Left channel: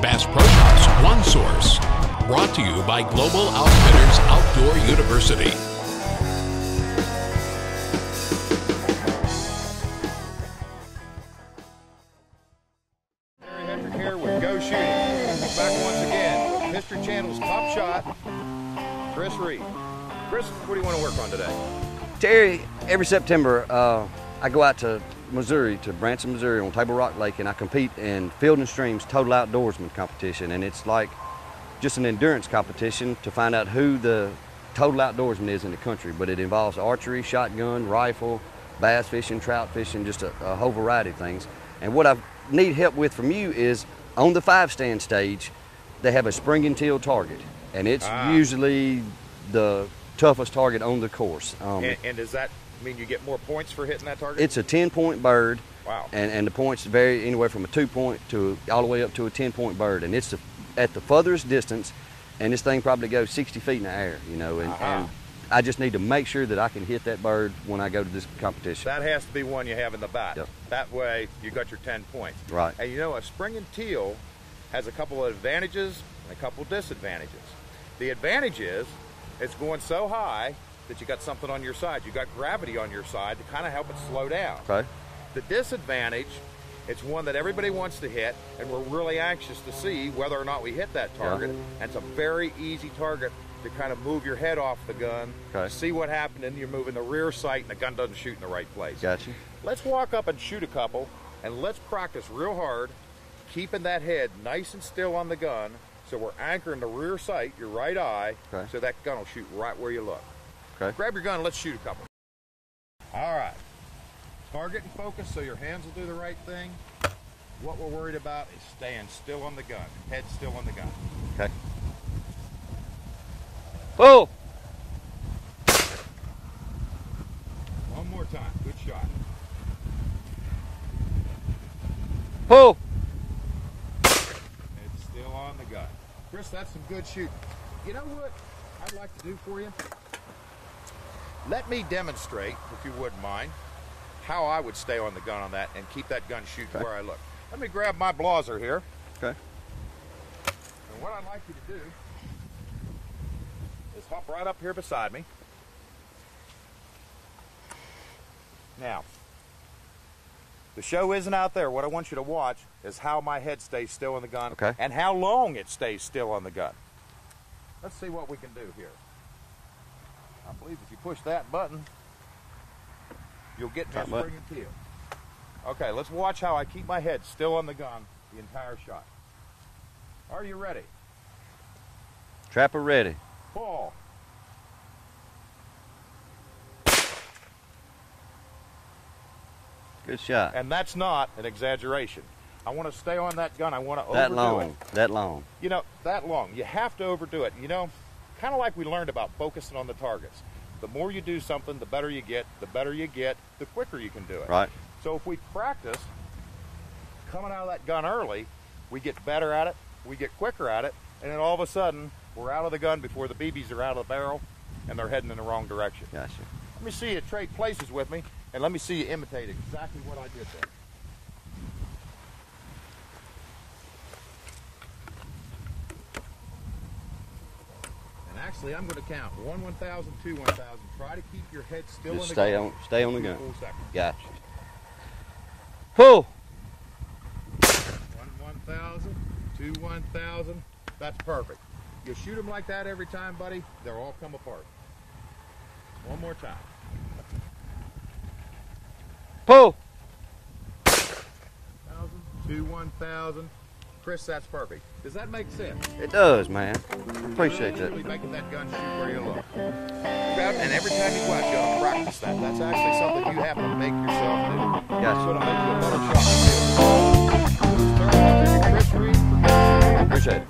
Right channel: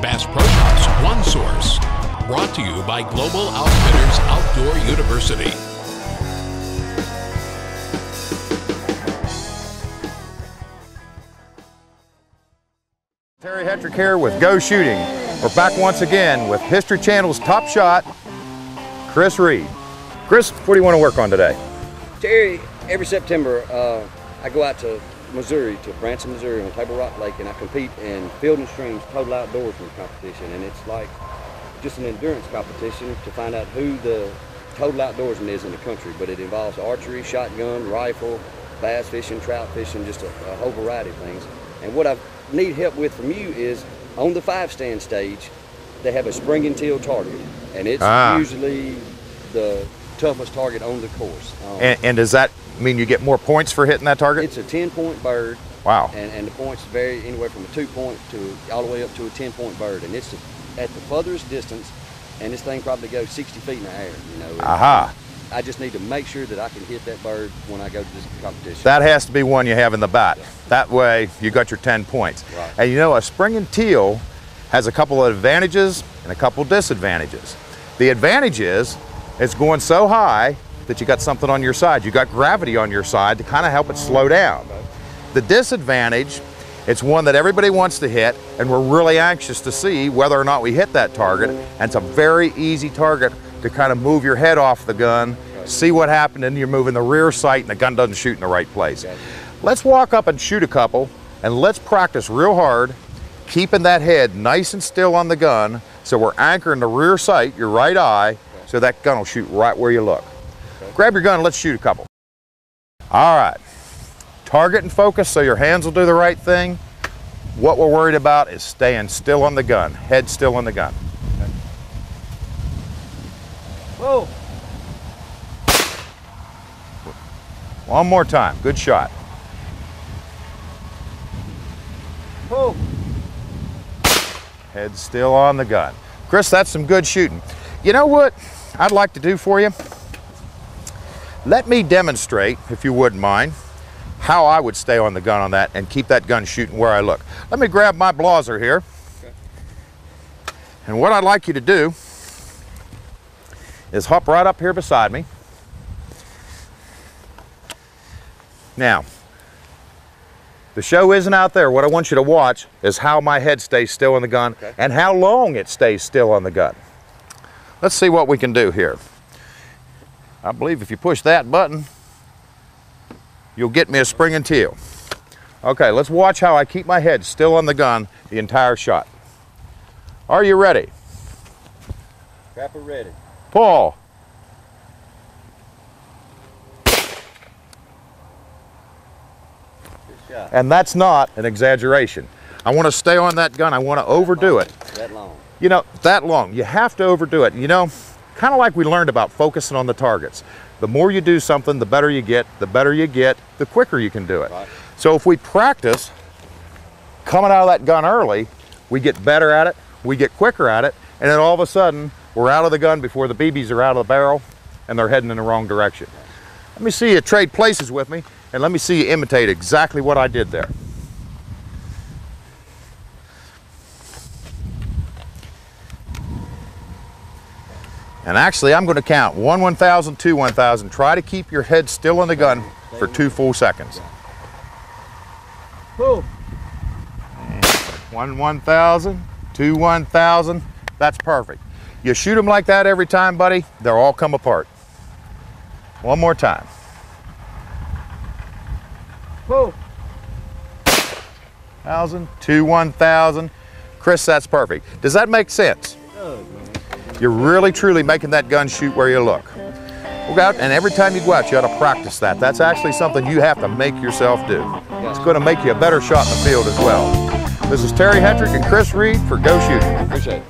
Bass Pro Shop's one source. Brought to you by Global Outfitters Outdoor University. Terry Hetrick here with GO Shooting. We're back once again with History Channel's top shot, Chris Reed. Chris, what do you want to work on today? Terry, every September I go out to Missouri, to Branson, Missouri on Table Rock Lake, and I compete in Field and Stream's Total Outdoorsman competition, and it's like just an endurance competition to find out who the total outdoorsman is in the country, but it involves archery, shotgun, rifle, bass fishing, trout fishing, just a whole variety of things. And what I need help with from you is on the 5-stand stage, they have a Springing Teal Target, and it's usually the toughest target on the course. And does that mean you get more points for hitting that target? It's a 10-point bird. Wow. And the points vary anywhere from a 2-point to all the way up to a 10-point bird, and it's at the furthest distance, and this thing probably goes 60 feet in the air, you know. And I just need to make sure that I can hit that bird when I go to this competition. That has to be one you have in the bat. Yep. That way you got your 10 points. Right. And you know, a Springing Teal has a couple of advantages and a couple of disadvantages. The advantage is it's going so high that you got something on your side. You got gravity on your side to kind of help it slow down. Right. The disadvantage, it's one that everybody wants to hit, and we're really anxious to see whether or not we hit that target. And it's a very easy target to kind of move your head off the gun, see what happened, and you're moving the rear sight and the gun doesn't shoot in the right place. Gotcha. Let's walk up and shoot a couple, and let's practice real hard, keeping that head nice and still on the gun, so we're anchoring the rear sight, your right eye, so that gun will shoot right where you look. Grab your gun and let's shoot a couple. All right, target and focus so your hands will do the right thing. What we're worried about is staying still on the gun, head still on the gun. Okay. Oh! One more time, good shot. Oh! Head still on the gun. Chris, that's some good shooting. You know what I'd like to do for you? Let me demonstrate, if you wouldn't mind, how I would stay on the gun on that and keep that gun shooting where I look. Let me grab my blazer here. Okay. And what I'd like you to do is hop right up here beside me. Now, the show isn't out there. What I want you to watch is how my head stays still on the gun and how long it stays still on the gun. Let's see what we can do here. I believe if you push that button, you'll get me a Springing Teal. Okay, let's watch how I keep my head still on the gun the entire shot. Are you ready? Trapper ready. Paul. Good shot. And that's not an exaggeration. I want to stay on that gun. I want to overdo it. That long. You know, that long. You have to overdo it. You know, kind of like we learned about focusing on the targets. The more you do something, the better you get. The better you get, the quicker you can do it. Right. So if we practice coming out of that gun early, we get better at it, we get quicker at it, and then all of a sudden, we're out of the gun before the BBs are out of the barrel and they're heading in the wrong direction. Gotcha. Let me see you trade places with me, and let me see you imitate exactly what I did there. And actually, I'm going to count 1 1,000, 2 1,000. Try to keep your head still on the gun for 2 full seconds. Gotcha. Pull. 1 1,000, 2 1,000. That's perfect. You shoot them like that every time, buddy, they'll all come apart. One more time. Pull. 1,000, 2 1,000. Chris, that's perfect. Does that make sense? It does, man. You're really, truly making that gun shoot where you look. Go out, and every time you go out, you got to practice that. That's actually something you have to make yourself do. It's going to make you a better shot in the field as well. This is Terry Hetrick and Chris Reed for GO Shooting. Appreciate it.